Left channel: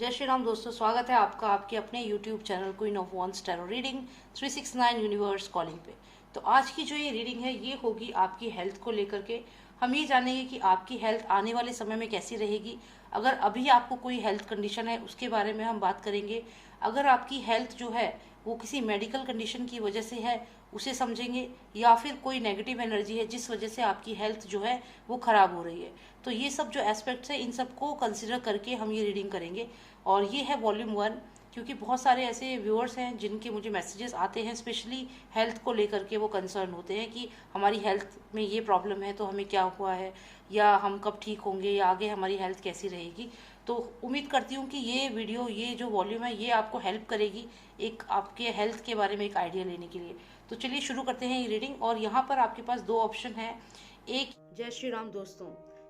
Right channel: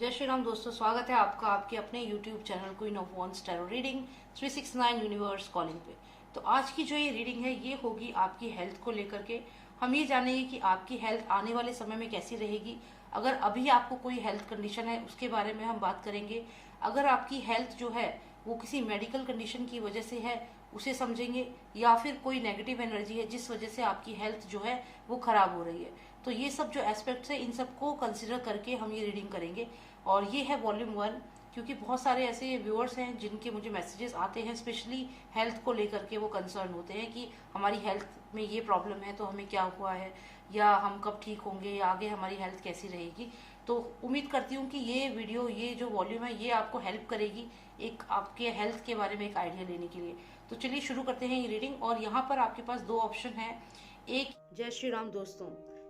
जय श्री राम दोस्तों, स्वागत है आपका आपके अपने YouTube channel queen of wands tarot reading 369 universe calling पे। तो आज की जो ये रीडिंग है ये होगी आपकी हेल्थ को लेकर के। हम ये जानेंगे कि आपकी हेल्थ आने वाले समय में कैसी रहेगी। अगर अभी आपको कोई हेल्थ कंडीशन है उसके बारे में हम बात करेंगे। अगर आपकी हेल्थ जो है वो किसी मेडिकल कंडीशन की वजह से है उसे समझेंगे, या फिर कोई नेगेटिव एनर्जी है जिस वजह से आपकी हेल्थ जो है वो खराब हो रही है। तो ये सब जो एस्पेक्ट्स है इन सबको कंसिडर करके हम ये रीडिंग करेंगे। और ये है वॉल्यूम 1, क्योंकि बहुत सारे ऐसे व्यूअर्स हैं जिनके मुझे मैसेजेस आते हैं, स्पेशली हेल्थ को लेकर के वो कंसर्न होते हैं कि हमारी हेल्थ में ये प्रॉब्लम है तो हमें क्या हुआ है, या हम कब ठीक होंगे, या आगे हमारी हेल्थ कैसी रहेगी। तो उम्मीद करती हूँ कि ये वीडियो, ये जो वॉल्यूम है ये आपको हेल्प करेगी एक आपके हेल्थ के बारे में एक आइडिया लेने के लिए। तो चलिए शुरू करते हैं ये रीडिंग। और यहाँ पर आपके पास दो ऑप्शन है। एक, जय श्री राम दोस्तों,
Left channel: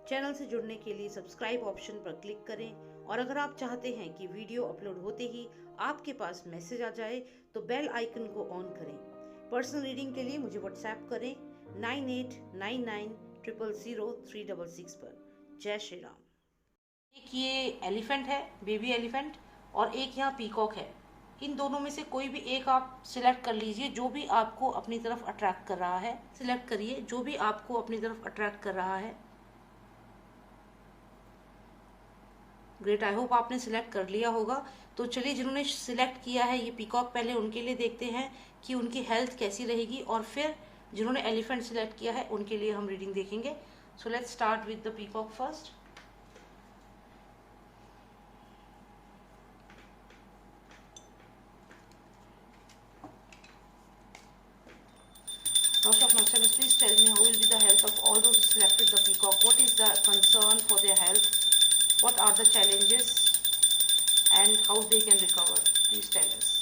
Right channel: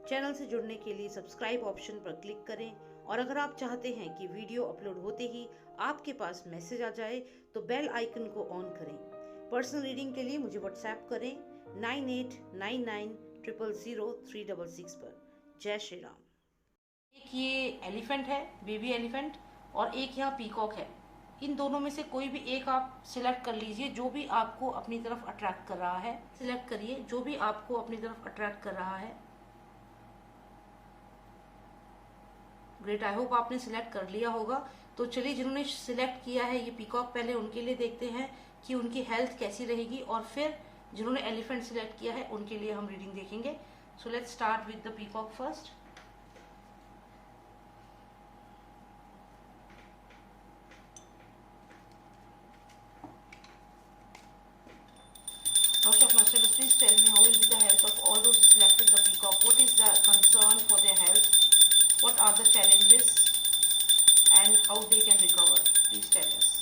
चैनल से जुड़ने के लिए सब्सक्राइब ऑप्शन पर क्लिक करें। और अगर आप चाहते हैं कि वीडियो अपलोड होते ही आपके पास मैसेज आ जाए तो बेल आइकन को ऑन करें। पर्सनल रीडिंग के लिए मुझे व्हाट्सएप करें 9899000366 पर। जय श्री राम। एक ये एलिफेंट है, बेबी एलिफेंट, और एक यहाँ पीकॉक है। इन दोनों में से कोई भी एक आप सिलेक्ट कर लीजिए, जो भी आपको अपनी तरफ अट्रैक्ट कर रहा है। सिलेक्ट करिए जो भी आपको अपनी तरफ अट्रैक्ट कर रहा है। ग्रेट, आई होप आपने सिलेक्ट कर लिया होगा। तो चलिए, जिन्होंने सिलेक्ट किया है ये पीकॉक, पहले उनके लिए देखते हैं कि उनकी हेल्थ कैसी रहेगी, और फिर जिन्होंने एलिफेंट सिलेक्ट किया है उनके लिए हम रीडिंग देखेंगे। So let's start with the peacock first. Master, please tell me how will be the health of all those who selected the peacock. What is the concern for their health? What are the challenges and how they can recover? Please tell us.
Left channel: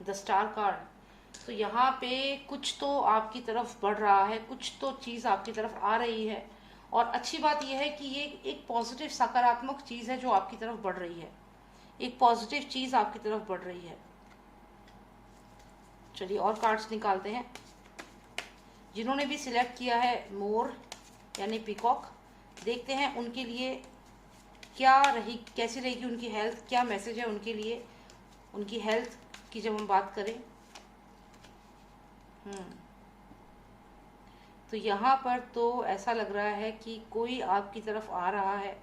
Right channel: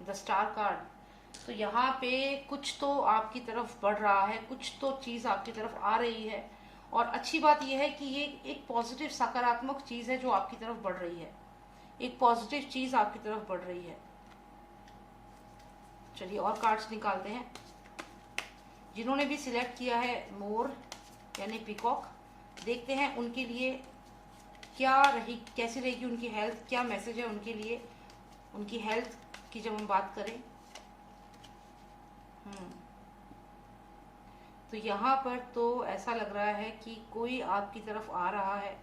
The star card. तो यहाँ पे कुछ तो आपकी तरफ बढ़ रहा है, कुछ तो चीज आपकी तरफ आ रही है। और अच्छी बात यह है कि ये एक पॉजिटिव सकारात्मक चीज है जो आपकी तरफ बढ़ रही है। एक पॉजिटिव चीज आपकी तरफ बढ़ रही है। चलिए और कार्ड्स निकालते हैं। जिन्होंने भी सिलेक्ट किया है मोर यानी पीकॉक, देखते हैं उनके लिए क्या रही, कैसी रहेगी उनकी हेल्थ, क्या मैसेज है उनके लिए उनकी हेल्थ की जब हम बात करें। तो यहाँ पर तो ऐसा लग रहा है कि कोई आपकी तरफ आ रहा है।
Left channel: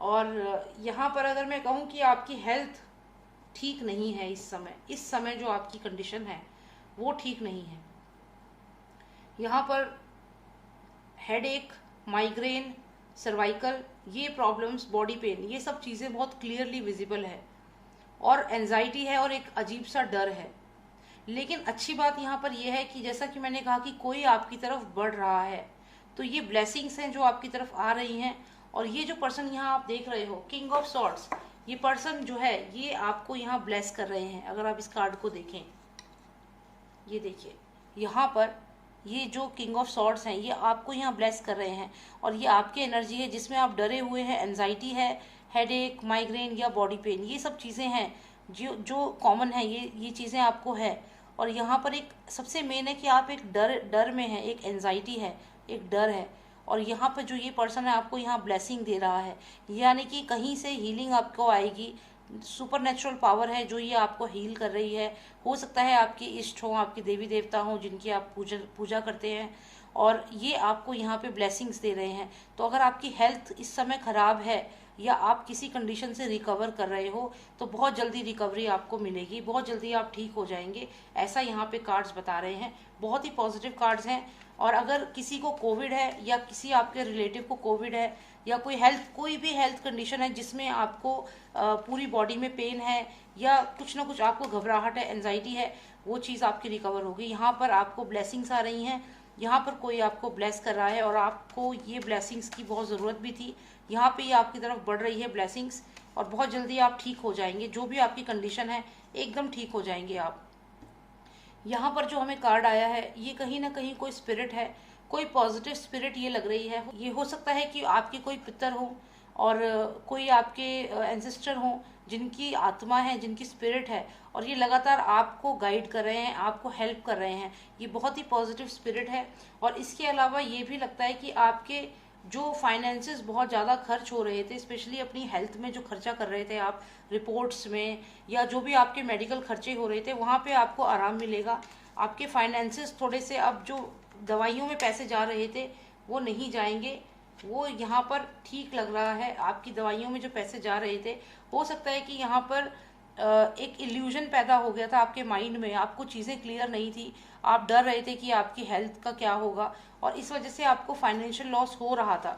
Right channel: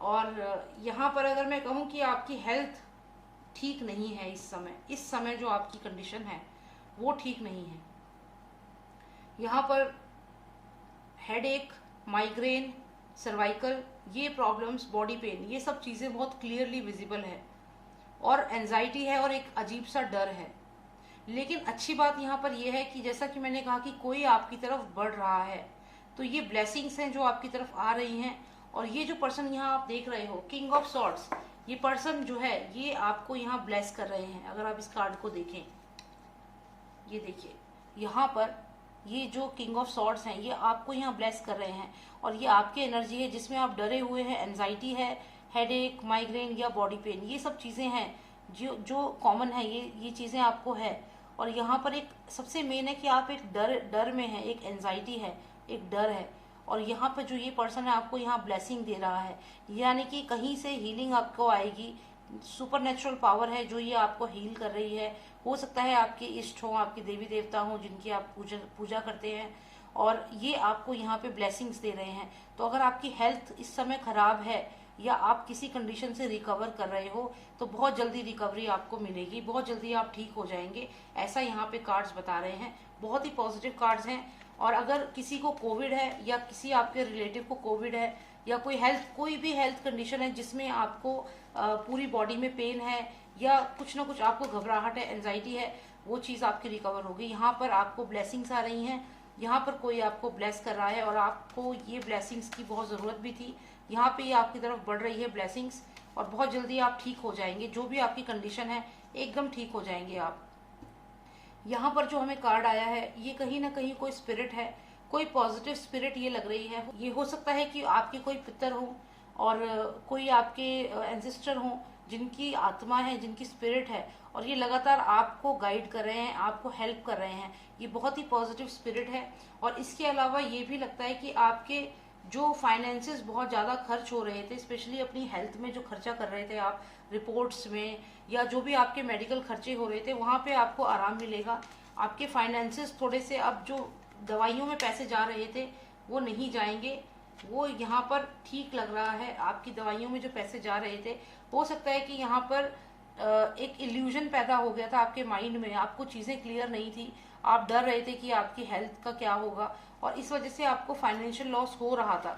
और यहाँ पर अगर मैं कहूँ कि आपकी हेल्थ ठीक नहीं है इस समय जो आपकी कंडीशन है वो ठीक नहीं है। यहाँ पर हेडेक, माइग्रेन, सर्वाइकल, ये प्रॉब्लम्स, बॉडी पेन, ये सब चीज़ें बहुत क्लियरली विजिबल है। और एंजाइटी है और एक अजीब सा डर है। लेकिन अच्छी बात यहाँ पर यह है कि जैसा कि मैंने कहा कि कोई आपकी तरफ बढ़ रहा है, तो ये ब्लेसिंग्स हैं जो आपकी तरफ आ रही हैं। और ये जो पर्सन यहाँ आप देख रहे हो, किंग ऑफ सॉर्ड्स, ये पर्सन जो है ये आपको यहाँ ब्लेस कर रहे हैं। अगर आप इस कार्ड को देखें, ये देखिए यहाँ पर ये जो किंग ऑफ सॉर्ड्स हैं ये आपको यहाँ ब्लेस कर रहे हैं। और ये आपकी एनर्जी है जिसमें आप डरे हुए हैं, एंजाइटी है, हेडेक, माइग्रेन या बॉडी पेन, ये सब चीज़ें हैं जो जो कॉमन है, ये चीज़ें आपको है। और यहाँ पर एक सबसे मेन है कि आप एक डर में हैं, एक एंजाइटी है, एक डर है। और यहाँ पर जो ये पर्सन है आपको यहाँ ब्लेसिंग दे रहा है, यानी कि कहीं से हीलिंग आपको आएगी। सुपर नेचुरल पावर है जो ये आपको हील कर रही है। हो सकता है आपके इष्ट हो, आपके देवी देवता हो जिनकी आप पूजा करते हैं, और ये आपको यहाँ पे ब्लेसिंग्स दे रहे हैं। तो अगर आपकी हेल्थ इस समय खराब है या आप किसी कंडीशन से रिकवर कर रहे हो तो बहुत जल्दी रिकवरी आपको मिलेगी, बहुत जल्दी आप ठीक हो जाएंगे, ऐसा यहाँ पे कार्ड्स बता रहे हैं। बहुत ही पॉजिटिव कार्ड्स हैं। और अगर किसी को कोविड है या किसी आपके रिलेटिव को कोविड है या कोई भी हेल्थ कंडीशन है जिसमें आपको पूरी बॉडी में पेन है या कुछ ना कुछ आपको घबराहट है, एंजाइटी है, वो चीज़ आपकी रिकवर होगी। यहाँ पर आपको ब्लेसिंग्स आ रही हैं, यहाँ पर कोई आपको ब्लेस कर रहा है और आपको ये ब्लेसिंग्स की बहुत ज़रूरत भी थी। यहाँ पे ये आपकी तरफ बढ़ रही है ब्लेसिंग्स, और बहुत जल्दी आप ठीक हो जाएंगे। जो भी आपकी कंडीशन है एकदम ठीक हो जाएंगे आप। यहाँ पर जो हमें कार्ड आया है ये कहीं ना कहीं कोई स्पिरिट है, कोई पॉजिटिव स्पिरिट ये लग रही है। ये हो सकता है कि आपके कोई पितर हो और कोई आपके एंसेस्टर हो जिनकी आत्मा है, जिनकी स्पिरिट है, और ये लगातार आपको गाइड कर रहे हैं, आपको हेल्प कर रहे हैं। ये बहुत ही पॉजिटिव स्पिरिट है। और इसके अलावा ये भी लगता है कि आपके जो फाइनेंसेस बहुत ज़्यादा खर्च हो रहे थे, स्पेशली अपनी हेल्थ में जो खर्चा कर रहे थे आप, रिपोर्ट्स में, या जो भी आपके मेडिकल खर्चे हो रहे थे, वहाँ पे आपको आराम मिलेगा। आपके फाइनेंसेस थोड़े से, अब जो दवाइयों में पैसे जा रहे थे वो नहीं जाएंगे, वो यहाँ पर ठीक लग रहा है। आपकी दवाइयों में जो पैसे जा रहे थे, हो सकता है कि यहाँ पर एक इल्यूजन पैदा हो गया था आपके माइंड में, आपको चीज़ें क्लियर नहीं थी, आप डर रहे थे कि आपकी हेल्थ का क्या होगा, और इस वजह से आपको फाइनेंशियल लॉस हो रहा था।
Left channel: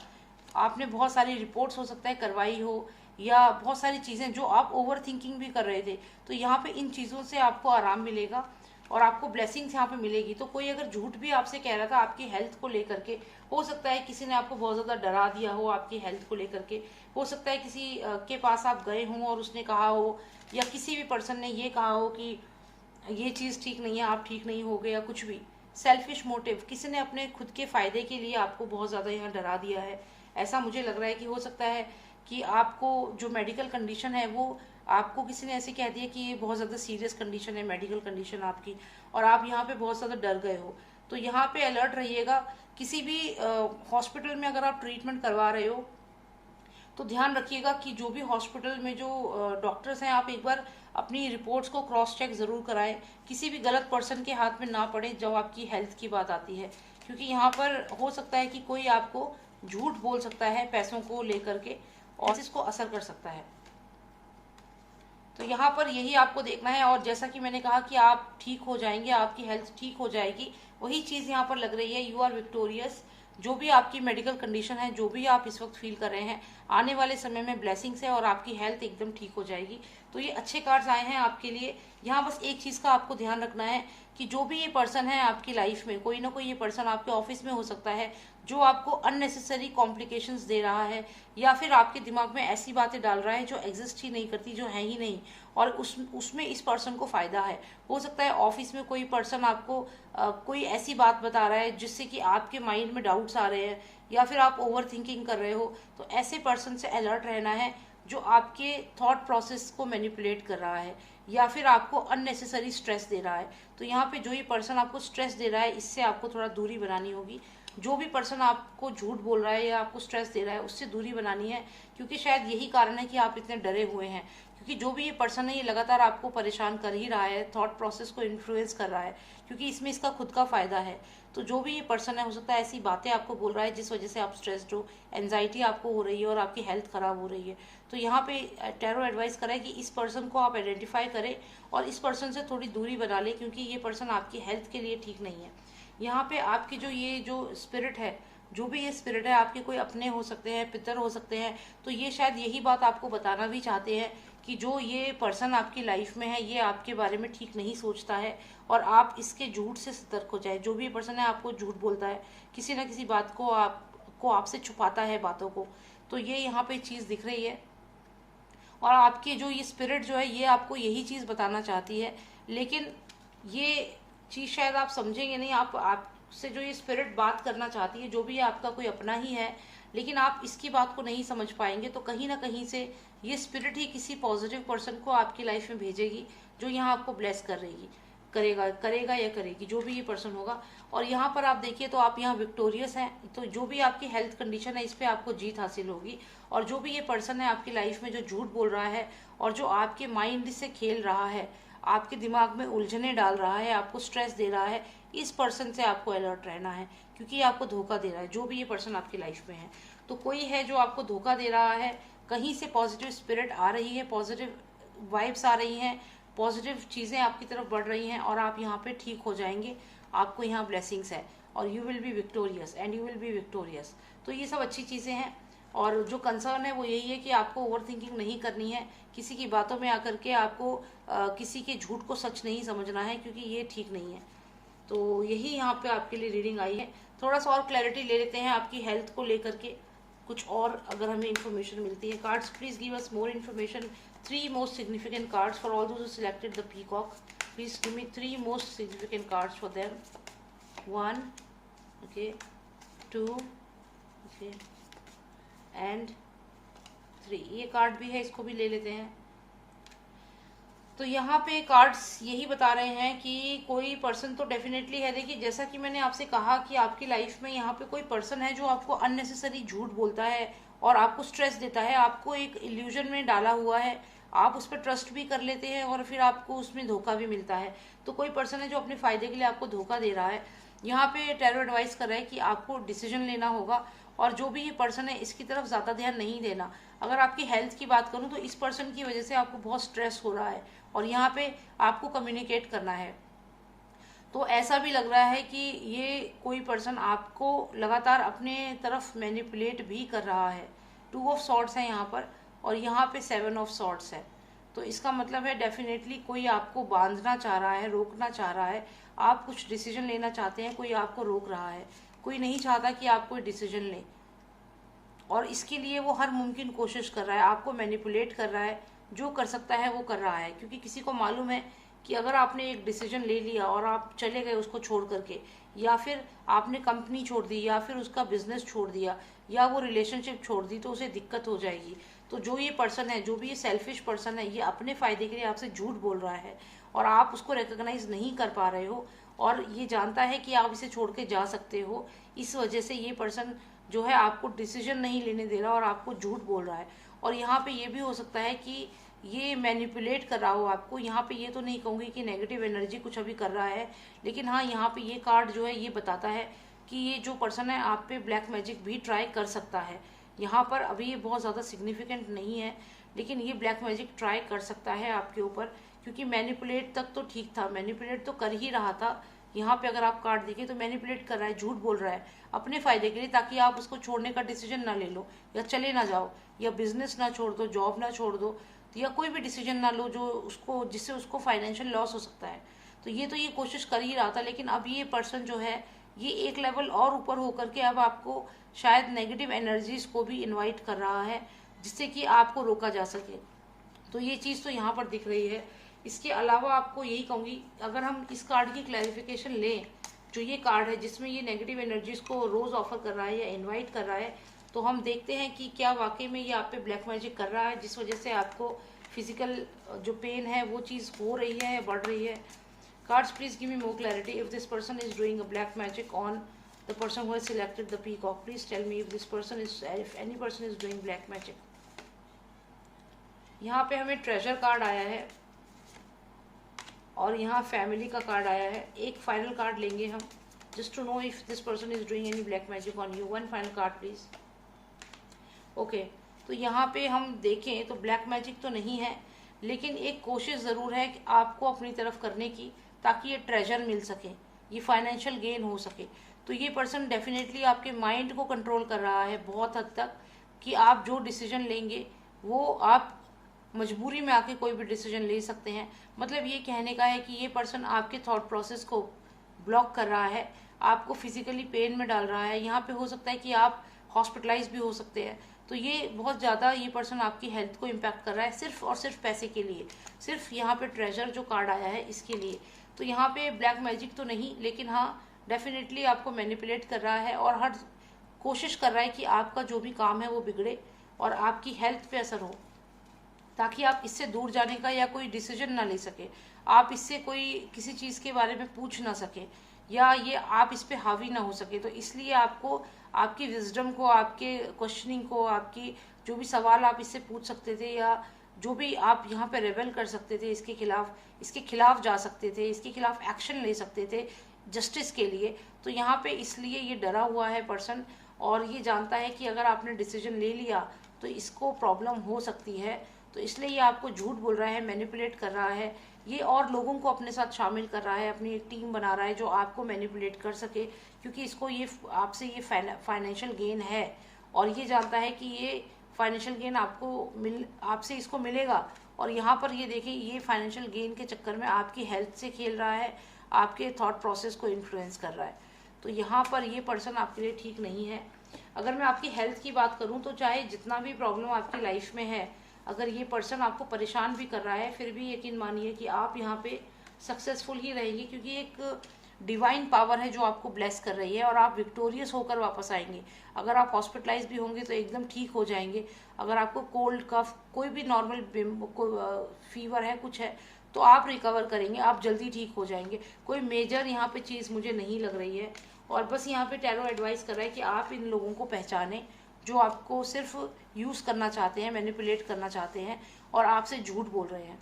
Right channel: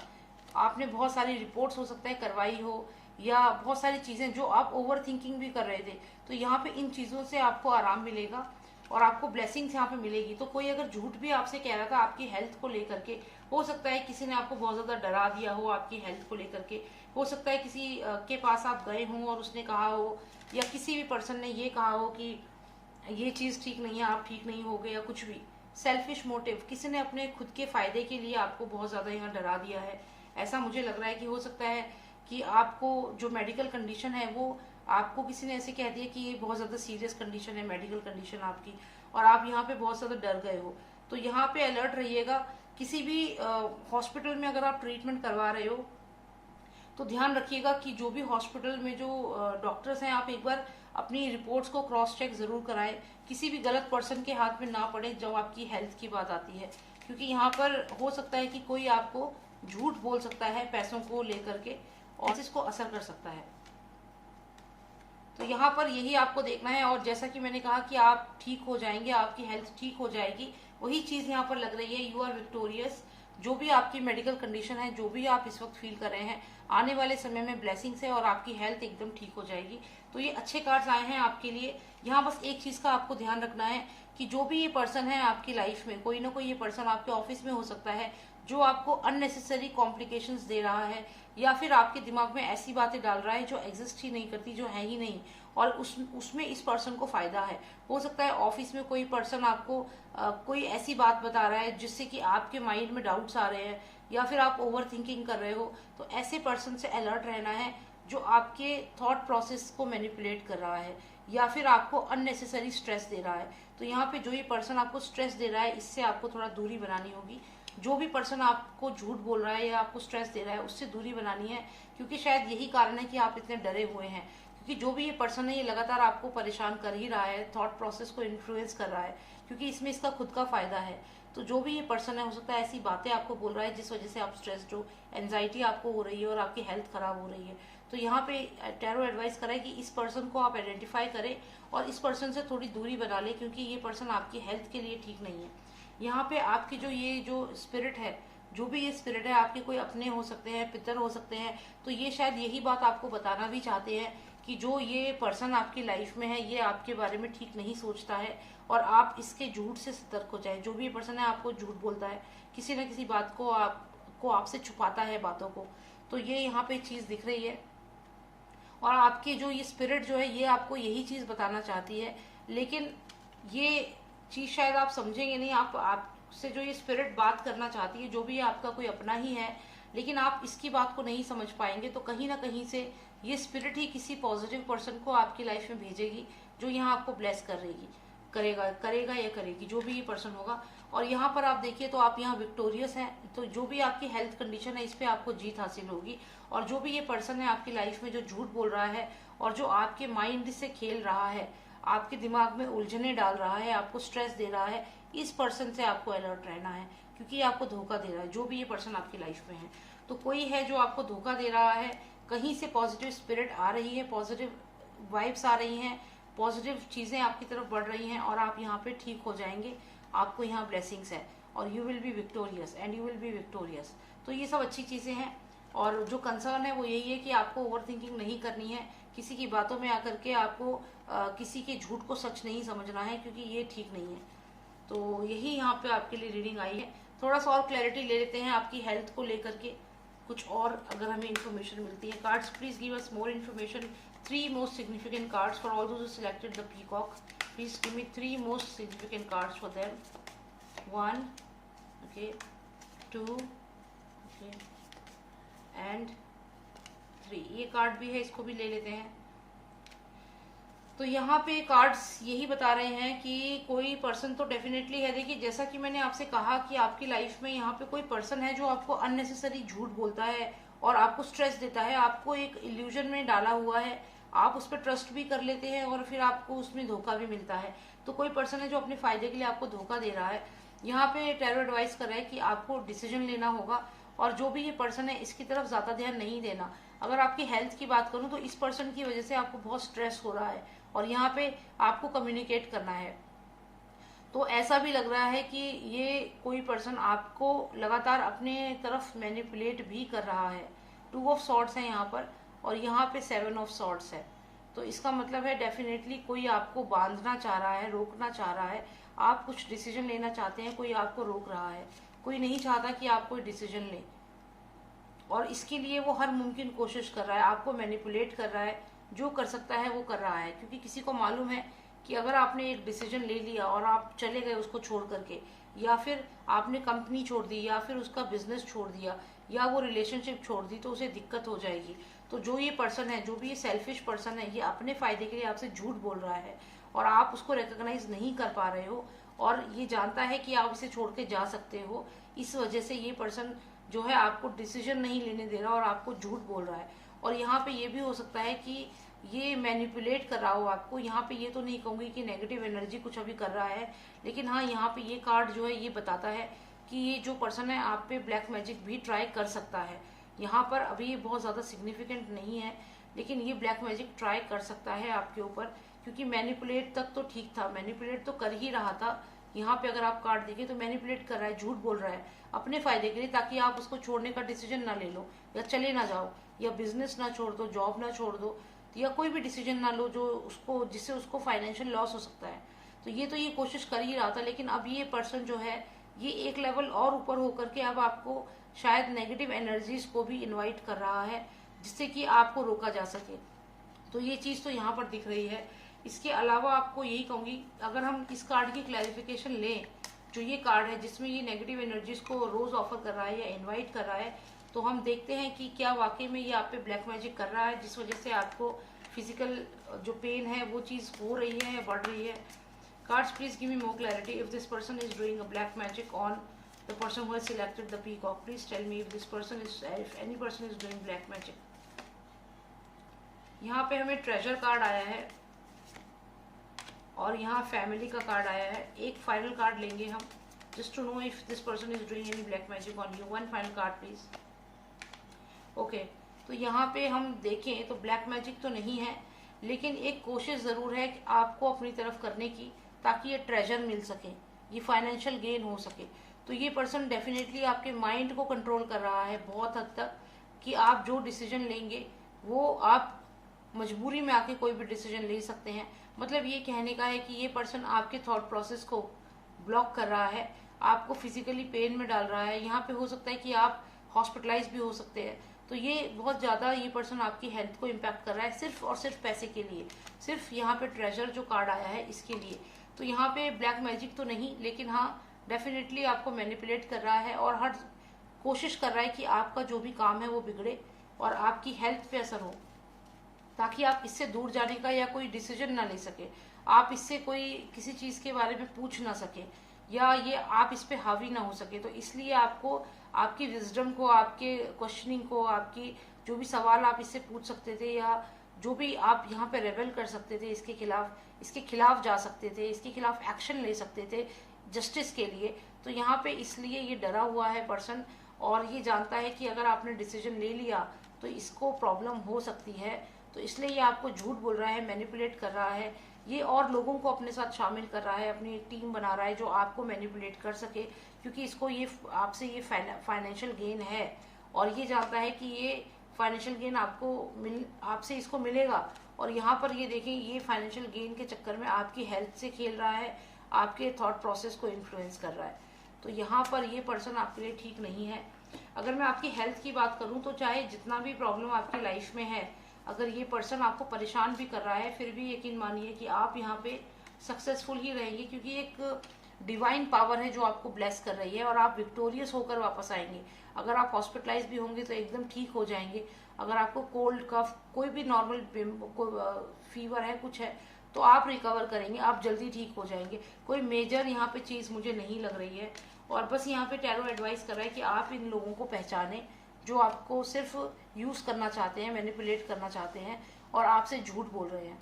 आपने बहुत सारी रिपोर्ट्स हो सकता है करवाई हो, या बहुत सारी चीज़ें जो आप ओवर थिंकिंग भी कर रहे थे। तो यहाँ पे इन चीज़ों से आपको आराम मिलेगा और आपको ब्लेसिंग्स यहाँ पे मिलेगी। तो कोई अगर झूठ भी आपसे कह रहा था आपकी हेल्थ को लेकर के, हो सकता है किसी ने आपको बहुत ज़्यादा डरा दिया हो आपकी हेल्थ को लेकर के, हो सकता है किसी के पास आप गए हों और उसने कहा हो, या किसी भी पर्सन ने ये कहा हो कि ये चीज़ ठीक नहीं है, आप ठीक नहीं होगे, या कुछ भी सेल्फिश मोटिव, किसी ने अपने खुद के फायदे के लिए आपको बहुत ज़्यादा यहाँ डरा दिया है। ऐसा मुझे लग रहा है कि हो सकता है कि आपको जो मेडिकल कंडीशन है वो, आपको किसी ने ऐसे कह दिया कि ये बहुत ज़्यादा सीरियस कंडीशन है मेडिकल कंडीशन आपकी, और आप यहाँ पे बहुत ज़्यादा डर गए हो। तो यहाँ पे अलर्ट रहिएगा। किसी भी हॉस्पिटल में अगर आप ट्रीटमेंट करवा रहे हो तो ध्यान रखिएगा कि जो भी हॉस्पिटल में जो डॉक्टर्स हैं, आप एक बार अपनी रिपोर्ट्स को क्रॉस चेक जरूर कराएं। किसी भी गलत पर्सन के हाथ में ना पड़े जब आपकी हेल्थ की बात आती है, क्योंकि यहाँ पर हो सकता है कि कोई आपको झूठ बोल सकता है पैसों को लेकर के, और इसको असर कर सकता है। तो यहाँ पर यही आपको देखना है। और जैसा कि मैंने कहा कि आप ठीक हो जाएंगे, आपकी हेल्थ ठीक हो जाएगी, वही चीज़ यहाँ पर लग रही है। You are victorious. जो भी आपकी मेडिकल कंडीशन है, जो भी आप इस वक्त फील कर रहे हैं, आने वाले समय में ब्लेसिंग्स है और आपकी हेल्थ एकदम ठीक हो जाएगी। तो ये अच्छे कार्ड्स आए हैं आपके लिए। यहाँ बस एक चीज़ का आपको ध्यान रखना है कि जो भी ये पर्सन है आपकी लाइफ में, कोई ना कोई ये पर्सन आपके ऑफिस में हो सकता है जो आपको अननेसेसरी कॉम्प्लिकेशंस दे रहा है, या फिर आपके दिमाग में ऐसी बातें डाल रहा है जो एग्जिस्ट ही नहीं करती, जो है ही नहीं, और उसमें इस पर्सन को फायदा है। हो सकता है ऑफिस में कोई पर्सन आपको कोई ऐसी बात बता रहा है जिससे कि आपके माइंड में डाउट्स आ रहे हैं, या फिर आप ओवर थिंकिंग कर रहे हो। तो ऐसे पर्सन से अलर्ट रहना है जो आपके थॉट प्रोसेस को मैनिपुलेट कर रहा है, या फिर आपको अननेसेसरी स्ट्रेस दे रहा है। तो यहाँ पे जो ये पर्सन आपको स्ट्रेस दे रहा है, इससे आपको थोड़ा दूरी बनानी होगी। जो भी पर्सन आपको झूठ बोल रहा है या आपको स्ट्रेस दे रहा है, उससे दूरी बनानी है, क्योंकि शायद यही कारण है कि आप इतने डरे हुए हैं। क्योंकि जो भी ये पर्सन है, ये लगातार आपको परेशान कर ही रहा है, थॉट प्रोसेस को इन्फ्लुएंस कर रहा है, क्योंकि इसमें इसका खुद का फायदा है। तो जो भी ये पर्सन है, हो सकता है ऐसी बातें आपको बोल रहा है जिस वजह से आप स्ट्रेस्ड हो, एंजाइटी आपको हो रही है और आपकी हेल्थ खराब हो रही है। तो यहाँ पे टैरो एडवाइस करा है कि इस पर्सन को आप आइडेंटिफाई करें और इस पर्सन से थोड़ी दूरी बना ले, क्योंकि ये पर्सन आपकी हेल्थ के लिए ठीक नहीं है। यहाँ पे आपकी जो स्पिरिट है, जो भी ये स्पिरिट है, आपके कोई अपने हो सकते हैं, पितर हो सकते हैं, तो ये शायद यही बात आपको बताना भी चाहते हैं कि जो ये पर्सन आपकी लाइफ में है, ये आपके बारे में ठीक नहीं सोचता है, और आप इसके झूठ से सतर्क हो जाए। जो भी ये पर्सन है आपको झूठ बोलता है, किसी न किसी बात को आपसे छुपाता है बातों को, तो ये यहाँ पे चीज़ दिख रही है। और आपके जो ये स्पिरिट जो है, ये आपको यही चीज़ बताना चाहती है, लेकिन ये चीज़ शायद आप समझेंगे नहीं। आपसे जो ये स्पिरिट बात करना चाहती है, जो भी आपका कोई अपना ही है, लेकिन आप इसकी बात को नहीं समझ पाएंगे। तो कहीं ना कहीं से ये स्पिरिट ही किसी पॉजिटिव पर्सन को आपकी लाइफ में भेजेगी, जो यहाँ आपको ब्लेस करेगा या करेगी, जो भी ये पर्सन होगा। और यहाँ पर आप देखिए तो आप यहाँ विक्टोरियस हैं। तो जो भी आपकी हेल्थ कंडीशन है, इस पे आपको जीत हासिल होगी। और जो भी ये पर्सन है आपकी लाइफ में जो झूठ बोल रहा है और जो आपके माइंड से खेल रहा है, आपके दिमाग में उलझने डाल रहा है, आपको स्ट्रेस दे रहा है, इस पर्सन से आपको अलर्ट रहना है, क्योंकि ये आपको धोखा दे रहा है। जो भी ये पर्सन आपकी लाइफ में है, तो कोई है जो आपको धोखा दे रहा है। कहीं से पॉजिटिव स्पिरिट आ रही है, पॉजिटिव वाइब्स आ रही हैं, पॉजिटिव चीजें आपकी तरफ बढ़ रही हैं, और आप यहाँ पे ठीक हो जाएंगे। आपको यहाँ ब्लेसिंग्स है, और you will be victorious and you will be victorious. तो ये सब अच्छी चीजें हैं। और जो कंसर्न है वो यही है कि आपको ओवर थिंकिंग नहीं करनी है, किसी की बातों में आकर के आपको किसी के झूठ को सच नहीं समझना है, क्योंकि ये ठीक नहीं है। तो यही यहाँ पे आपके लिए रीडिंग आई है। थोड़ा सा और क्लैरिटी ले लेते हैं आपकी हेल्थ को लेकर के, कुछ और अगर हमें इन्फॉर्मेशन मिलती है। Cards please give us more information. 3 most significant cards for all those who selected the peacock. Please give me 3 most significant cards for them. 1, okay, 2, okay, and 3। ये कार्ड भी है, इसको भी ले लेते हैं। तो यहाँ पे कार्ड्स यही बता रहे हैं कि कोई पर्सन तो डेफिनेटली है। देखिए, जैसा कि मैंने आपसे कहा कि आपकी लाइफ में यहाँ पे कोई पर्सन है जो आपको अननेसेसरी झूठ बोलता है और आपको स्ट्रेस देता है, आपको एक इल्यूजन में डाला हुआ है, आप उस पर ट्रस्ट भी कर लेते हैं और फिर आपको उसमें धोखा भी मिलता है। तो कोई पर्सन है जो अपने फायदे के लिए आपको धोखा दे रहा है। यहाँ पे टैरो एडवाइस कर रहा है कि आपको डिसीजन लेना होगा और जो भी ये पर्सन है इसकी तरफ ज़्यादा ध्यान नहीं देना। अगर आपकी हेल्थ की बात करूँ तो इस पर्सन की वजह से आपको बहुत स्ट्रेस हो रहा है और यहाँ पे आपको कम्युनिकेट करना है। तो ऐसा भी लग रहा है कि ये कोई पर्सन आपको लगातार अपने तरफ मैनिपुलेट भी कर रहा है। 2 ऑफ सॉर्ड्स है यहाँ पर और यहाँ पे 7 ऑफ सॉर्ड्स है। तो इसका मतलब है डेफिनेटली कोई आपको बांधना चाह रहा है, रोकना चाह रहा है। आप कुछ डिसीजन लेना चाहते हैं, कोई आपको रोक रहा है। कोई नहीं चाहता कि आप कोई डिसीजन लें और इसके लिए वो हर मुमकिन कोशिश कर रहा है, आपको मैनिपुलेट कर रहा है। जो कर सकता है वो कर रहा है, क्योंकि किसी को मालूम है कि अगर आपने एक डिसीजन ले लिया और आप चले गए उसको छोड़ करके, या फिर आपने कंपनी छोड़ दी, या फिर उसका बिजनेस छोड़ दिया, या वो रिलेशनशिप छोड़ दी, तो उसे दिक्कत हो जाएगी। तो जो ये पर्सन है, जो भी ये सेल्फिश पर्सन है, ये अपने फायदे के लिए आपसे झूठ बोल रहा है और आप उसको रिकॉग्नाइज नहीं कर पा रहे हो और ये जानता है कि आप इसे छोड़ के जा सकते हो। इस वजह से ये पर्सन जो है आपको डिसीजन नहीं लेने दे रहा और आपको झूठ बोल रहा है। और यहाँ पे ये भी हो सकता है कि ये मैनिपुलेट कर रहा हो आपको। यहाँ पे ये तो नहीं कहूंगी कि नेगेटिव एनर्जी कुछ अभी कर रहा है, लेकिन हाँ, यहाँ पे ये कार्ड जो है ये बताता है कि ये जो पर्सन है आप पे ब्लैक मैजिक भी ट्राई कर सकता है। यहाँ पर अभी ये बहुत ज़्यादा सिग्निफिकेंट नहीं है, लेकिन ये ब्लैक मैजिक ट्राई कर सकता है आपके ऊपर, क्योंकि मैनिपुलेट तक तो ठीक था, मैनिपुलेट तो कर ही रहा था। यहाँ पे अगर आप कार्ड देखें तो मैनिपुलेट कर रहा है, झूठ बोल रहा है अपने फायदे के लिए, ताकि आप उसको छोड़ने का डिसीजन ना ले लो, या चले ना जाओ, या बिजनेस ना छोड़ दो, जॉब ना छोड़ दो, या कोई भी डिसीजन ना लो जो उसको जिससे उसको फाइनेंशियल लॉस हो सकता है। तो ये कोशिश कर ही रहा था, लेकिन अब ये पर्सन जो है ये एक लेवल और ऊपर होकर के अब आपको शायद नेगेटिव एनर्जीज को भी इनवाइट कर रहा है, जिससे कि आपको रोका जा सके। तो ये चीज़ तो यहाँ पर दिख रही है। इसके अलावा आपको यही कहूँगी, अगर हम इस कार्ड की क्लैरिफिकेशन लें, जो ये कार्ड है जिसमें ये नेगेटिव एनर्जीज को रोज ऑफर कर रहा है या इनवाइट कर रहा है, तो हम देखते हैं कि क्या वाकई में ये आप पे ब्लैक मैजिक कर रहा है, जिस वजह से आपको फिजिकल जो पेन है वो चीज़ हो रही है या बढ़ रही है। Cards please give me more clarity if this person is doing a black magic on the person who has selected the peacock. Please tell me if any person is doing black magic. यहाँ पे हमें treasure card आया है और यहाँ family का card आया है। एक फाइनल कार्ड लेंगे हम, just to know if this person is doing any black magic on you. One final card please. Okay, तो यहाँ पे हम देखें तो ब्लैक मैजिक तो नहीं है, लेकिन एक कोशिश ज़रूर है कि आपको अपनी तरफ करने की, ताकि ये ट्रेजर मिल सके, ये फाइनेंशियल गेन हो सके। तो ये पर्सन डेफिनेटली आपके माइंड को कंट्रोल कर रहा है बहुत हद तक, कि आप जो डिसीजन लेंगे वो आप मजबूरी में आके कोई भी डिसीजन ले सकते हैं। मतलब ये कहने का है कि ये पर्सन आपके थॉट प्रोसेस को ब्लॉक कर रहा है, आपको फिजिकली पेन में डाल रहा है। यहाँ पे हो सकता है कि आप हॉस्पिटलाइज भी हो सकते हैं। तो ये बहुत ज़्यादा ये पर्सन आपकी हेल्थ को इम्पैक्ट कर रहा है, सिर्फ और सिर्फ पैसे के लिए, सिर्फ यहाँ पे ट्रेजर जो कार्ड आया है इसके लिए। तो यहाँ पे ब्लैक मैजिक तो नहीं, लेकिन हाँ डेफिनेटली आपको मैनिपुलेट कर रहा है और हर कोशिश कर रहा है कि आपका जो भी काम है वो बिगड़े और आपकी हेल्थ पे असर हो, ताकि आप इससे दूर जाने का या कोई डिसीजन ना ले सके, आप इससे कोई किसी चीज़ के बारे में पूछ ना सके, या ये आप इस पे हावी ना हो सके। तो इसलिए आपको आपकी विजडम को, आपके क्वेश्चनिंग को, आपकी जो भी सवाल आप इससे पूछ सकते थे, या जो भी आप यहाँ पे रेबल कर सकते थे, इसके खिलाफ जा सकते थे, इसके खिलाफ एक्शन ले सकते थे जस्टिस के लिए। तो यहाँ पे इसलिए ये डरा हुआ है पर्सन, और ये जानता है कि अगर आपने डिसीजन ले लिया तो इसको प्रॉब्लम हो सकती है। तो इसलिए ये आपको झूठ बोल रहा है, मैनिपुलेट कर रहा है, ये और लोगों को अपने साथ शामिल कर रहा है, अपनी एक टीम बना रहा है जो आपको मैनिपुलेट कर सके, क्योंकि इसको ये आपसे ये फाइनेंशियल गेन है और ये जानता है कि ये फाइनेंशियल गेन आपसे इसको मिलेगा। और यहाँ पर ये देखिए, ये फाइनेंशियल गेन के चक्कर में आपकी हेल्थ से खेल रहा है, आपके थॉट प्रोसेस को इन्फ्लुएंस कर रहा है। तो यहाँ पर ये पर्सन आपके लिए ठीक नहीं है। अगर मैं आपकी हेल्थ की बात करूँ तो चाहे जितना भी प्रॉब्लम आपकी लाइफ में है, अगर ये पर्सन आपको परेशान भी कर रहा है, फिर भी यकीन मानिए कि आप यहाँ पे सक्सेसफुल ही रहेंगे, क्योंकि एक डिवाइन पावर है जो आपको ब्लेस कर रही है और आप विक्टोरियस होकर वापस आएंगे। अगर आप हॉस्पिटलाइज भी होंगे तो एकदम ठीक हो जाएंगे। अगर आपको कोल्ड कफ कोई भी नॉर्मल फीवर है, कुछ है, तो आप रिकवर करेंगे, आप जल्दी ठीक हो जाएंगे। कोई मेजर यहाँ पे चीज़ मुझे नहीं लग रही है। और बस यहाँ पे टैरो एडवाइस कर रहा है कि आप इन लोगों को पहचानें जो आपको सिर्फ यूज़ करना चाहते हैं, मैनिपुलेट करना चाहते हैं और आपसे झूठ बोल रहे हैं।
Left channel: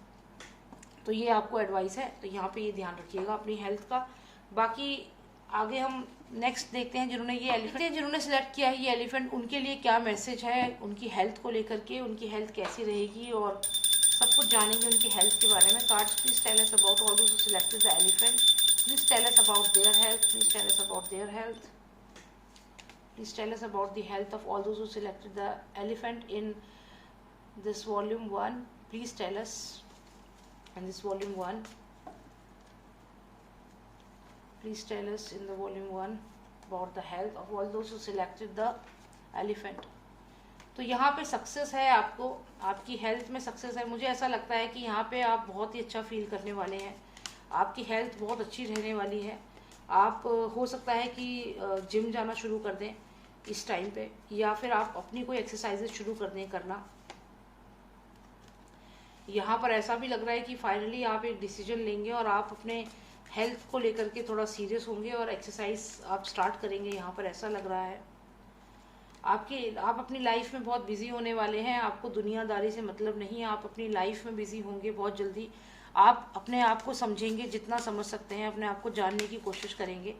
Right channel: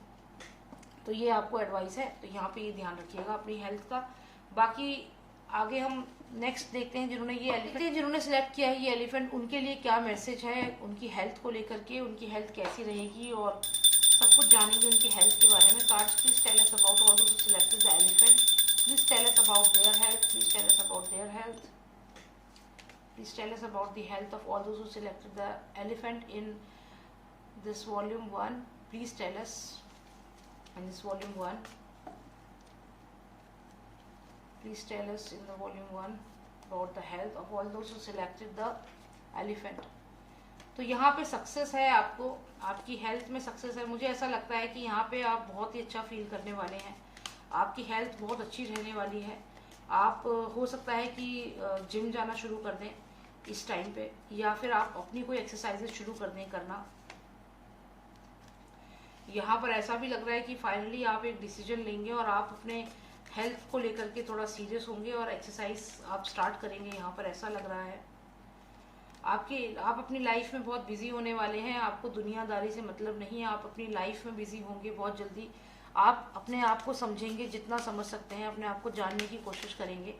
तो ये आपको एडवाइस है, तो यहाँ पे ये ध्यान रखिएगा अपनी हेल्थ का। बाकी आगे हम नेक्स्ट देखते हैं जिन्होंने सिलेक्ट किया है ये एलिफेंट, उनके लिए क्या मैसेज है उनकी हेल्थ को लेकर के, उनकी हेल्थ कैसी रहेगी और सब कुछ जानेंगे उनकी हेल्थ के बारे में। Cards please tell us about all those who selected the elephant, please tell us about their health, please tell us about their health, please tell us about the health of all those who selected the elephant in this volume 1, please tell us in this volume 1, please tell us in the volume 1 about the health of all those who selected the elephant। तो यहाँ पे success है, आपको आपकी health में success है। मुझे ऐसा लगता है कि यहाँ पे आप बहुत ही अच्छा फील करने वाले हैं, आपकी हेल्थ बहुत अच्छी रहने वाली है। आप हो सकता है कि जिम जाना शुरू कर दें इस टाइम पे, या फिर आप अपनी कोई एक्सरसाइजेज शुरू कर दें करना। यहाँ पर ऐसा भी लग रहा है कि फाइनली आप एक डिसीजन लेंगे और आप अपने हेल्थ को लेकर के थोड़ा सीरियस होंगे और एक्सरसाइज आप स्टार्ट करेंगे, यहाँ पर ऐसा लग रहा है। आप अपनी लाइफ में बहुत बिजी होने वाले हैं, आपको दुनियादारी से मतलब नहीं है, आप अपनी लाइफ में बिजी होंगे बहुत जल्दी। आप अपने आप को समझेंगे, जितना समझ सकते हैं अपने आप को जानने की कोशिश करेंगे।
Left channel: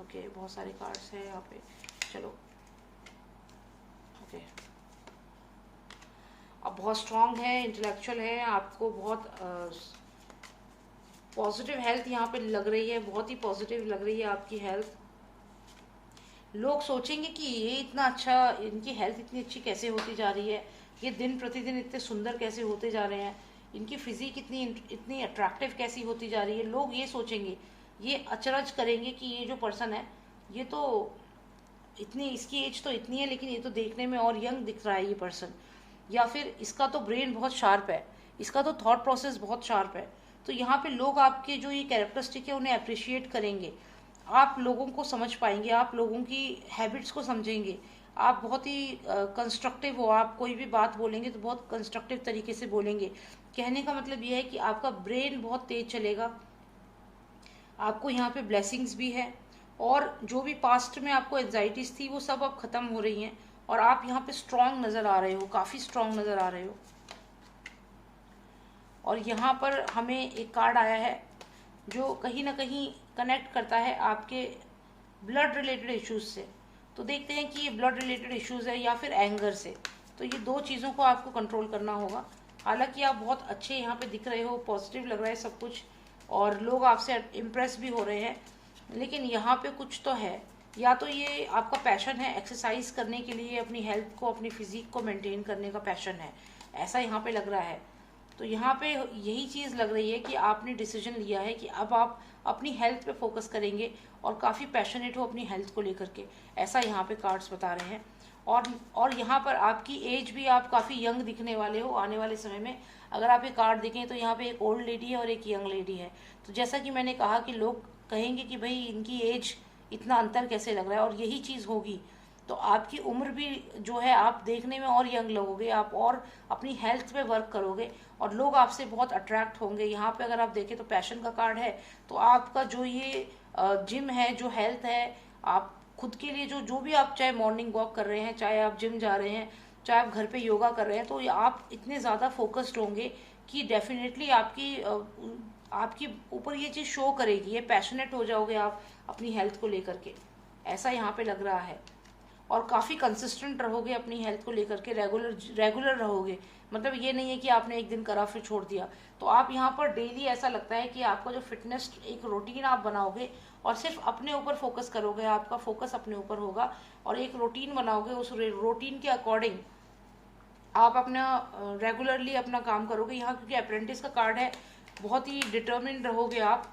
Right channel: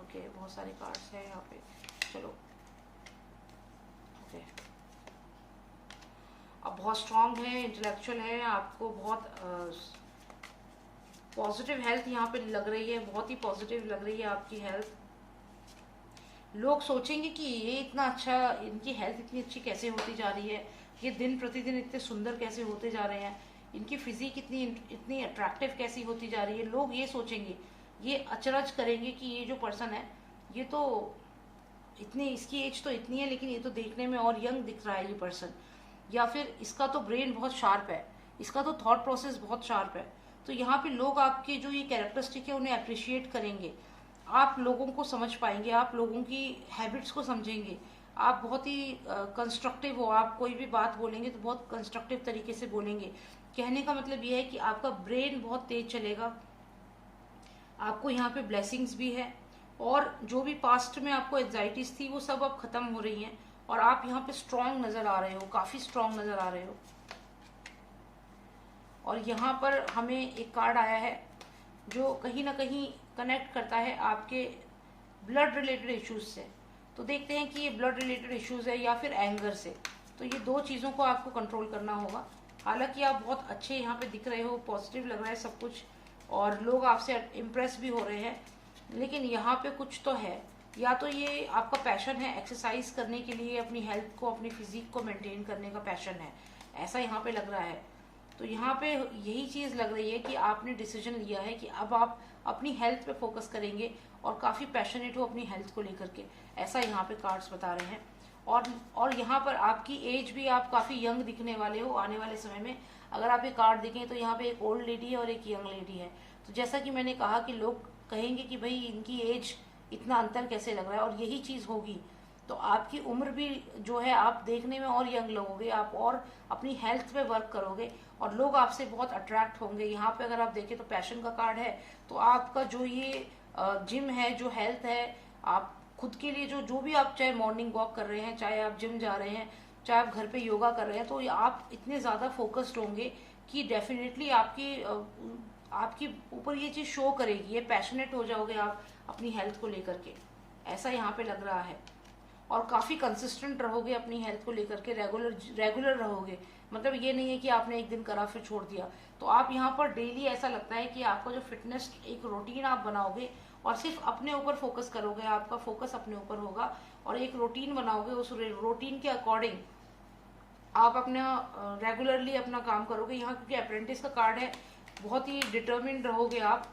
ओके, बहुत सारे कार्ड्स हैं यहाँ पे, चलो ओके। आप बहुत स्ट्रांग है, इंटेलेक्चुअल है, आपको बहुत पॉजिटिव हेल्थ यहाँ पे लग रही है, बहुत ही पॉजिटिव लग रही है आपकी हेल्थ। लोग सोचेंगे कि ये इतना अच्छा, इनकी हेल्थ इतनी अच्छी कैसे होती जा रही है, ये दिन प्रतिदिन इतने सुंदर कैसे होते जा रहे हैं, इनकी फिजिक इतनी अट्रैक्टिव कैसी होती जा रही है। लोग ये सोचेंगे, ये अचरज करेंगे कि ये जो पर्सन है ये तो इतनी, इसकी एज तो इतनी है लेकिन ये तो देखने में और यंग दिख रहा है ये पर्सन, या फिर इसका तो ब्रेन बहुत शार्प है, इसका तो थॉट प्रोसेस बहुत शार्प है। तो यहाँ पे लोग आपके जो ये कैरेक्टरिस्टिक है उन्हें अप्रिशिएट करेंगे, आप लोगों को समझ पाएंगे, आप लोगों की हैबिट्स को समझेंगे, आप बहुत ही कंस्ट्रक्टिव हो, आप कोई भी बात बोलेंगे तो बहुत कंस्ट्रक्टिव तरीके से बोलेंगे। कहने का मतलब ये है कि आपका ब्रेन बहुत तेज चलेगा, आपको यहाँ पे ब्लेसिंग्स भी है, और जो भी पास्ट में आपको एंजाइटीज थी वो सब अब खत्म हो रही हैं, और आप यहाँ पे स्ट्रांग नजर आ रहे हो, काफी स्ट्रांग नजर आ रहे हो। और यहाँ पर हमें एक कार्ड आया है जो कहीं ना कहीं कनेक्ट करता है आपके ब्लड रिलेटेड इश्यूज से। तो देखते हैं कि ये ब्लड रिलेटेड इश्यूज है या फिर एंगर से। तो ये दो चीजों को आपको कंट्रोल करना होगा। हालांकि आप बहुत अच्छे यहाँ पे दिख रहे हो, पॉजिटिव लग रहा है सब कुछ, और लोग आपसे इम्प्रेस भी हो रहे हैं, लेकिन यहाँ पे कुछ तो है, या तो ये आपका पैशन है एक्सरसाइज करने के लिए, अपनी हेल्थ को, अपनी फिजिक को मेंटेन करने का पैशन है, ऐसा यहाँ पे लग रहा है। तो यहाँ पे यही चीज लग रही है कि आपने डिसीजन लिया है कि अब आप अपनी हेल्थ पे फोकस करेंगे और काफी पैशनेट हो अपनी हेल्थ को लेकर के, ऐसा यहाँ पे कार्ड्स बता रहे हैं। और यहाँ पर आपकी एज भी, आप काफी यंग दिखने वाले हो आने वाले समय में। अगर आप ये कार्ड देखें तो यहाँ पे एक ओल्ड लेडी है और एक यंग लेडी है। तो जैसा कि मैंने कहा कि लोग कहेंगे कि भाई इनकी एज इतना अंतर कैसे लग रहा है, और यही चीज होगी। तो आपकी उम्र भी जो है, आप देखने में और यंग लगोगे, आप और अपनी हेल्थ पे वर्क करोगे और लोग आपसे बहुत अट्रैक्ट होंगे। यहाँ पे अगर आप देखें तो पैशन का कार्ड है, तो आपका जो ये जिम है, जो हेल्थ है, आप खुद के लिए जो भी आप चाहे मॉर्निंग वॉक कर रहे हैं, चाहे आप जिम जा रहे हैं, चाहे आप घर पे योगा कर रहे हैं, तो आप इतने ज्यादा फोकस्ड होंगे कि डेफिनेटली आपकी ऊपर ये चीज शो करेगी, ये पैशनेट हो जाओगे आप अपनी हेल्थ को लेकर के, ऐसा यहाँ पे लग रहा है। और काफी कंसिस्टेंट रहोगे अपनी हेल्थ को लेकर के, रेगुलर रहोगे। मतलब ये नहीं है कि आपने एक दिन करा फिर छोड़ दिया। तो आप यहाँ पर डेली, ऐसा लगता है कि आपका जो फिटनेस एक रूटीन आप बनाओगे और सिर्फ अपने ऊपर फोकस करोगे, आपका फोकस अपने ऊपर होगा और एक रूटीन बनाओगे, उस रूटीन के अकॉर्डिंग आप अपना रेगुलरली अपना काम करोगे। यहाँ क्योंकि अप्रेंटिस का कार्ड है, बहुत ही डिटर्मिन्ड रहोगे आप।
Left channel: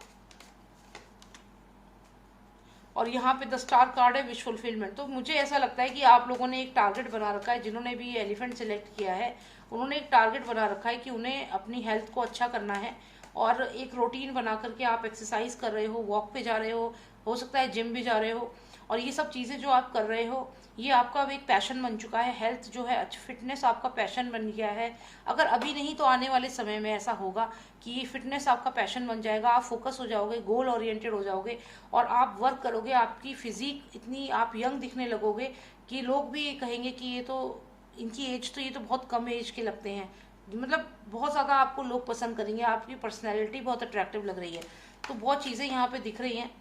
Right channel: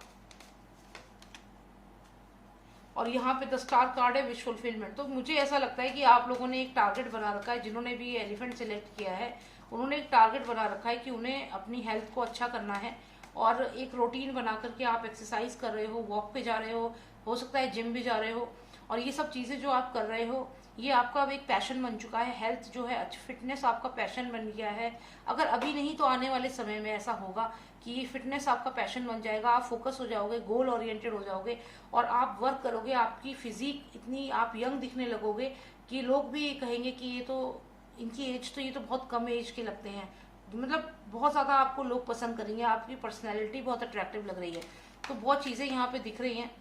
और यहाँ पे द स्टार कार्ड है, विश फुलफिलमेंट। तो मुझे ऐसा लगता है कि आप लोगों ने एक टारगेट बना रखा है, जिन्होंने भी एलिफेंट सिलेक्ट किया है उन्होंने एक टारगेट बना रखा है कि उन्हें अपनी हेल्थ को अच्छा करना है, और एक रूटीन बना करके आप एक्सरसाइज कर रहे हो, वॉक पे जा रहे हो सकता है जिम भी जा रहे हो, और ये सब चीजें जो आप कर रहे हो ये आपका अब एक पैशन बन चुका है। हेल्थ जो है, फिटनेस आपका पैशन बन गया है। अगर अभी नहीं तो आने वाले समय में ऐसा होगा कि ये फिटनेस आपका पैशन बन जाएगा। आप फोकस हो जाओगे, गोल ओरिएंटेड हो जाओगे और आप वर्क करोगे। आपकी फिजिक इतनी, आप यंग दिखने लगोगे कि लोग भी कहेंगे कि ये तो, इनकी एज तो, ये तो बहुत कम एज के लगते हैं। मतलब बहुत ज़्यादा आपको लोग पसंद करेंगे, आपकी पर्सनैलिटी बहुत अट्रैक्टिव लग रही है। तो बहुत चीज़ें यहाँ पे दिख रही हैं।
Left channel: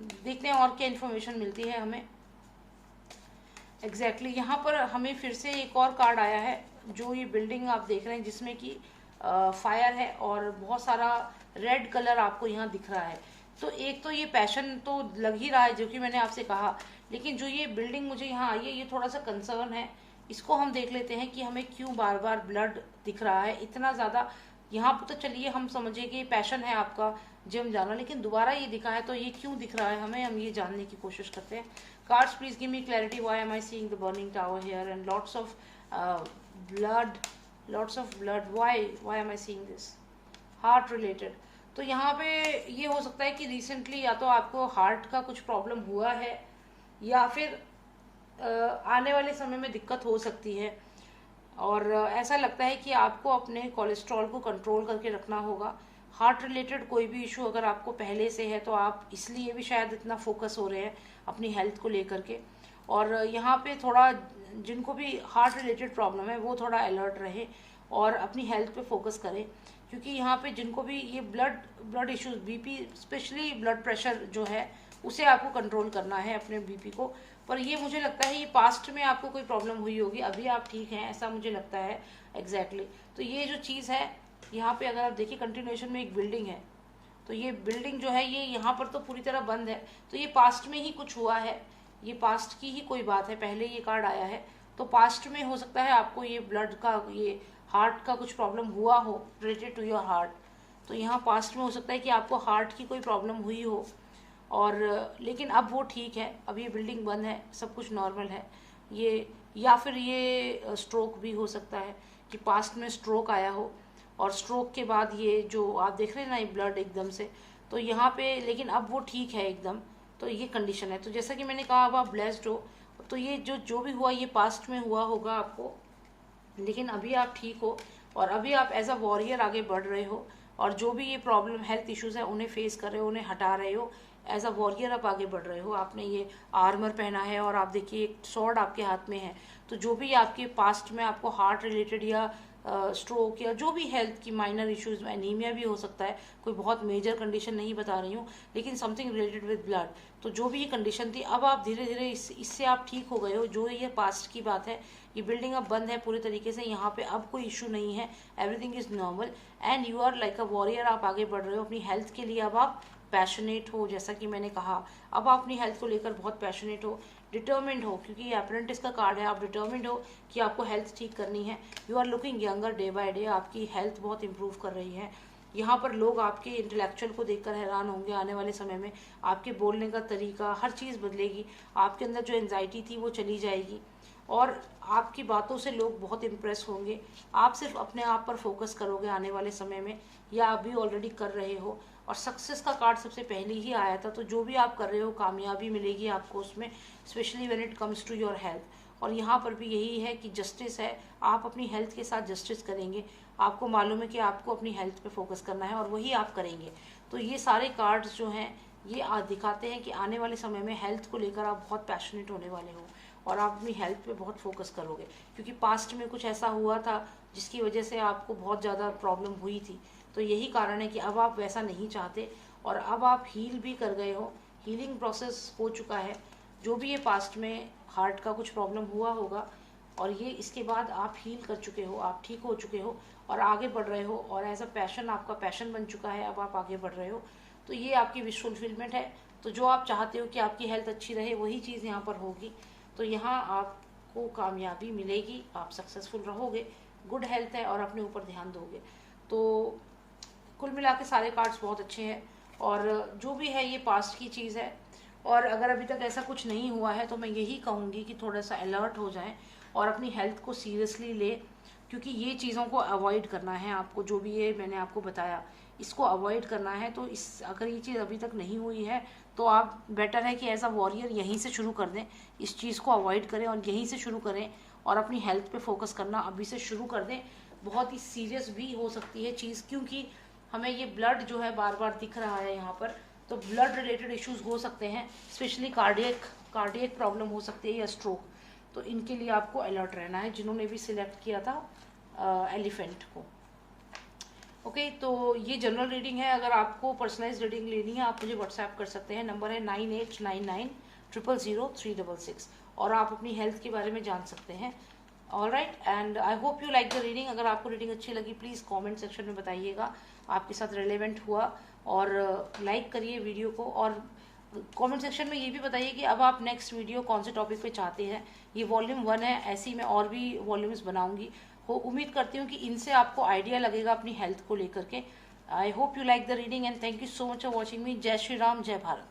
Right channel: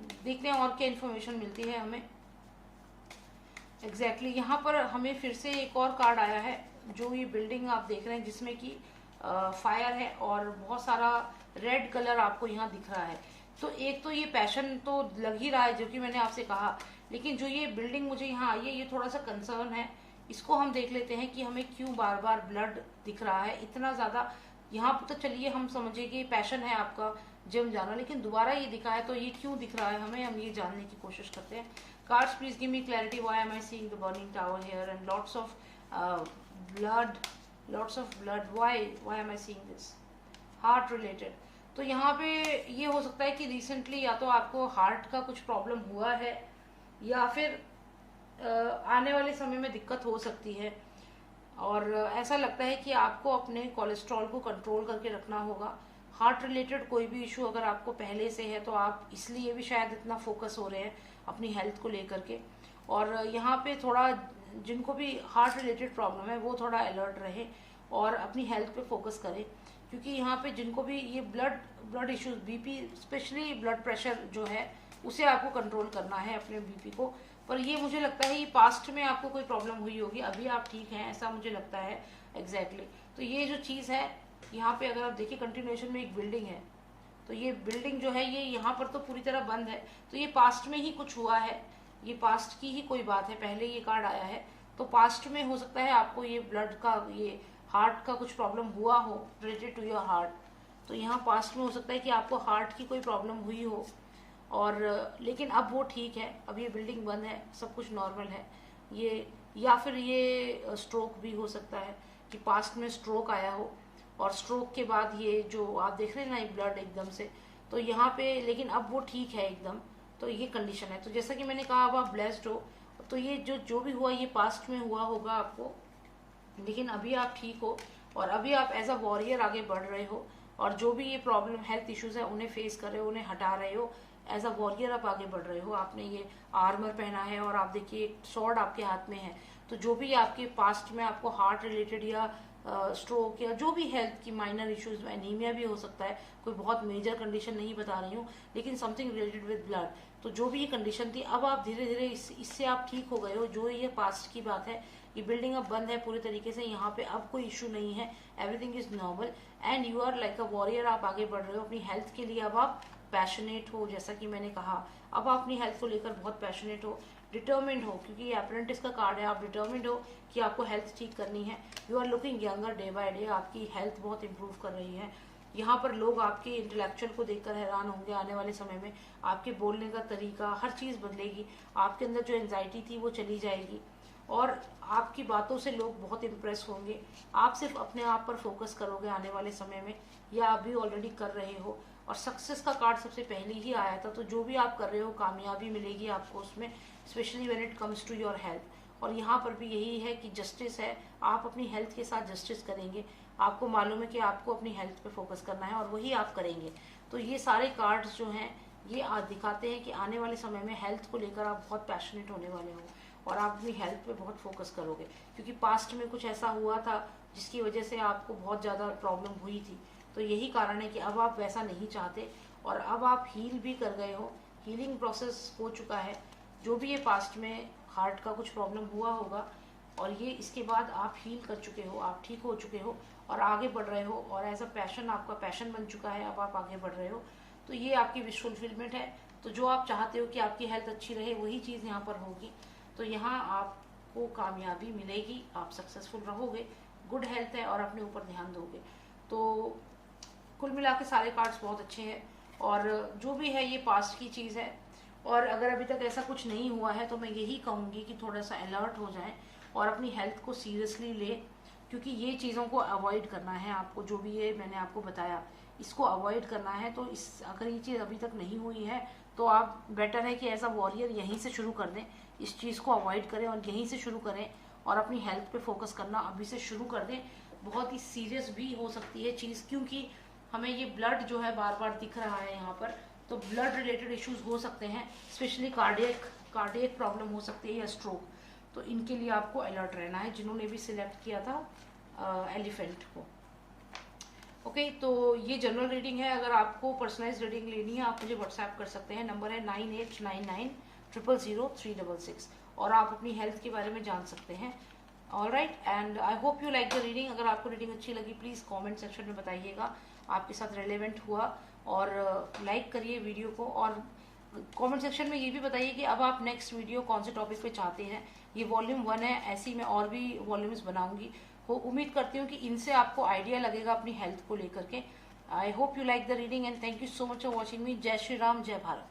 देखते हैं और क्या इन्फॉर्मेशन मिलती है हमें। एग्जैक्टली यहाँ पर हमें फिर से एक और कार्ड आया है। जो ये बिल्डिंग आप देख रहे हैं जिसमें कि फायर है और बहुत सारा रेड कलर आपको यहाँ दिख रहा है। तो एक तो ये पैशन तो लग ही रहा है, जो कि मैंने आपसे कहा। लेकिन जो ये बिल्डिंग मुझे यहाँ आई है, ये थोड़ा सा कंसर्न है। इसको हम देख लेते हैं कि हमें क्यों बार बार ब्लड दिख रहा है इतना ज़्यादा। यहाँ पर तो चलिए हम समझे कि पैशन है आपका जिम जाना, लेकिन दोबारा ये दिखा है तो ये क्यों दिख रहा है हमें, हम ये जानने की कोशिश करते हैं। Cards, please give me clarity. Why am I seeing the burning tower here and lots of blood, lots of blood? Why am I seeing this? Heart related. तो यहाँ पे ये हो सकता है कि रिसेंटली या तो आपको हार्ट का कुछ प्रॉब्लम हुआ है या फिर आने वाले समय में दिक्कत हो सकती है। और ऐसा लगता है कि आपको अपने कोलेस्ट्रॉल को कंट्रोल करके रखना होगा। हार्ट रिलेटेड कोई भी इशू अगर आपको पहले से है तो आप इसलिए भी शायद इतना फोकस हो रहे हैं अपनी हेल्थ को लेकर के। और यहाँ पे थोड़ा जिनको भी हार्ट रिलेटेड प्रॉब्लम है वो थोड़ा अलर्ट रहे और अपनी हेल्थ पे फोकस करें, क्योंकि यहाँ पे जिनको भी ये blood issues, BP, specially blood pressure जो है उसे आपको कंट्रोल करना है अपने बीपी को। पर ये मुझे लगता है ये पास्ट में आपको कोई प्रॉब्लम हुई होगी, अभी आप ठीक हैं ऐसा मुझे लगता है। एग्जैक्टली तो ये जो चीज़ है यहाँ पे अगर आप देखिए कंटिन्यूएशन में एक बिल्डिंग है, तो ये बिल्डिंग जो है ये यहाँ पर तो पूरी तरह बंद है। तो ये पास्ट में ही कुछ हुआ है, ये पास्ट की ही कोई बात है। पहले ये कार्ड आया है तो पास्ट में हो सकता है आपको ये ब्लड का, ये हार्ट का कुछ प्रॉब्लम हुआ हो रिलेटेड टू योर हार्ट। तो यहाँ पास्ट में हो सकता है कि आपको हार्ट की कोई प्रॉब्लम हुई हो और लेकिन अब वो ठीक है, अब ये बिल्डिंग बंद है, सब कुछ नॉर्मल है। ये या फिर ये स्ट्रोक भी हो सकता है कि पास्ट में स्ट्रोक आया हो और स्ट्रोक के बाद ये जो आप देख रहे हैं ना ये ब्लड एकदम से, तो यहाँ पे लेकिन अब वो ठीक है एकदम। तो ये कंडीशन है। तो जैसा कि मैंने कहा अब आप ब्लेस्ड हो, तो ये जो भी हुआ ये पास्ट में हुआ होगा आपको, लेकिन अभी आप ठीक हो और अभी आप एज अ वॉरियर आगे बढ़ रहे हो और जो भी ये प्रॉब्लम हेल्थ इश्यूज है उन्हें फेस कर रहे हो, उन्हें हटा रहे हो। एज अ वॉरियर आप आगे बढ़ रहे हो। आपने ये आर्मर पहना है और आप देखिए एक स्वॉर्ड आपके हाथ में है। तो जो भी आपके पास्ट में आपको हार्ट रिलेटेड या स्ट्रोक या जो भी हेल्थ की माइनर इश्यूज, एनीमिया भी हो सकता है, कोई बहुत मेजर कंडीशन नहीं बता रही हूँ, लेकिन समथिंग रिलेटेड विद ब्लड। तो जो भी ये कंडीशन थी अब आप धीरे धीरे इससे आप ठीक हो गए हो। जो ये पास्ट की बात है, ये बिल्डिंग अब बंद है पूरी तरीके से, यहाँ पे अब कोई इशू नहीं है, everything is normal and you are like a warrior. आप आगे बढ़ रहे हो अपनी हेल्थ के लिए, अब आप पैशनेट हो। जैसा कि मैंने कहा अब आप अपनी हेल्थ को लेकर बहुत पैशनेट हो, डिटर्मिंड हो, क्योंकि ये अप्रेंटिस का कार्ड है। आप डिटर्मिंड हो कि आपको हेल्थ ठीक करनी है। You are looking younger day by day, आपकी हेल्थ बहुत इंप्रूव कर रही है। यहाँ पर लोग आपके इंटेलेक्चुअल को देखकर हैरान होंगे। आने वाले समय में आपके बोलने का तरीका, हर चीज़ बदलेगी। आपके अंदर जो एंजाइटी थी वो चली जाएगी और आपकी बातों से लोग बहुत इम्प्रेस होंगे। आप सिर्फ अपने आप पर फोकस करोगे आने वाले समय में, या आप भी ऑलरेडी कर रहे हो। और सक्सेस का कार्ड सबसे पहले ही आया था, तो जो भी आप कर रहे हो कामयाबी मिलेगी आपको उसमें, specially when it comes to your health. और यहाँ पर भी यही है कि जस्टिस है, आप अपनी हेल्थ के साथ जस्टिस करेंगे। आपको मालूम है कि आपको अपनी हेल्थ पे फोकस करना है और वही आप करेंगे। तो ये सारे कार्ड्स जो हैं ये दिखाते हैं कि आने वाले समय में हेल्थ को लेकर आप बहुत पैशनेट होने वाले हो और आप अपनी हेल्थ पे बहुत फोकस करोगे, क्योंकि पास्ट में कुछ ऐसा हुआ था जिसकी वजह से आपको बहुत ज़्यादा प्रॉब्लम हुई थी। तो यही कारण है कि अब आप वैसा नहीं चाहते और अब आप हील भी कर गए हो, हीलिंग प्रोसेस हो चुका है। जो भी ये पास्ट में हार्ट का कुछ प्रॉब्लम हुआ होगा और ये इसके बाद आप हील कर चुके हो, आप ठीक हो चुके हो और आगे बढ़ रहे हो और एज अ पैशन आपका पैशन बन चुका है, अब आप आगे बढ़ रहे हो। तो ये आपकी विश फुलफिलमेंट है। तो जो आप चाहते हो कि आपकी हेल्थ अच्छी रहे वही चीज़ यहाँ पर होगी। तो यहाँ आपको कामयाबी मिलेगी, आप सक्सेसफुल रहोगे, गुड हेल्थ है और अपने ऊपर ध्यान दोगे। तो कुल मिला के सारे कार्ड्स बहुत अच्छे हैं और जो भी है ये पास्ट की चीज़ है। और अगर अभी तक ऐसा कुछ नहीं हुआ है तो मैं यही कहूँगी कि थोड़ा सा अलर्ट हो जाएं और अपनी हेल्थ को सीरियसली ले, क्योंकि ये चीज़ों को अवॉइड करना है आपको। जो भी ये मैंने आपको बताया इसको अवॉइड करना है। तो इस अगर ये चीज़ अभी तक नहीं हुई है तो आप बेटर है कि एज अ वॉरियर यहीं से शुरू कर दें, इस चीज़ को अवॉइड करें और यहीं से शुरू करें और अपनी हेल्थ पे फोकस करना अभी से शुरू कर दें। बहुत ही सीरियस भी हो सकती है चीज़, क्योंकि हमें ये ब्लड जो है बार बार दिख रहा है यहाँ पर, तो ब्लड रिलेटेड इश्यूज हो सकते हैं, स्पेशली कार्डियक प्रॉब्लम हो सकती है या स्ट्रोक। तो इनके लिए आपको अलर्ट रहना है, जिन्होंने भी सिलेक्ट किया था एलिफेंट को। ओके, तो ये जनरल रीडिंग है। अगर आपको पर्सनलाइज रीडिंग लेनी है आप मुझे व्हाट्सएप कर सकते हैं, नंबर है 9899000366, और आप अपनी हेल्थ के बारे में जान सकते हैं। Alright, and I hope you like the reading. अगर आपको रीडिंग अच्छी लगी प्लीज़ कमेंट सेक्शन में बताइएगा आपके साथ रिलेवेंट हुआ, और लाइक करिए वीडियो को, और कमेंट सेक्शन में ये भी बताइए कि अब आप नेक्स्ट वीडियो कौन से टॉपिक पे चाहते हैं। ये वॉल्यूम 1 है, ऐसे ही मैं और भी वॉल्यूम्स बनाऊंगी। उम्मीद करती हूँ कि इनसे आपको आइडिया लगेगा अपनी हेल्थ को लेकर के। I hope you like the reading and thank you so much for watching मी। जय श्री राम, जय भारत।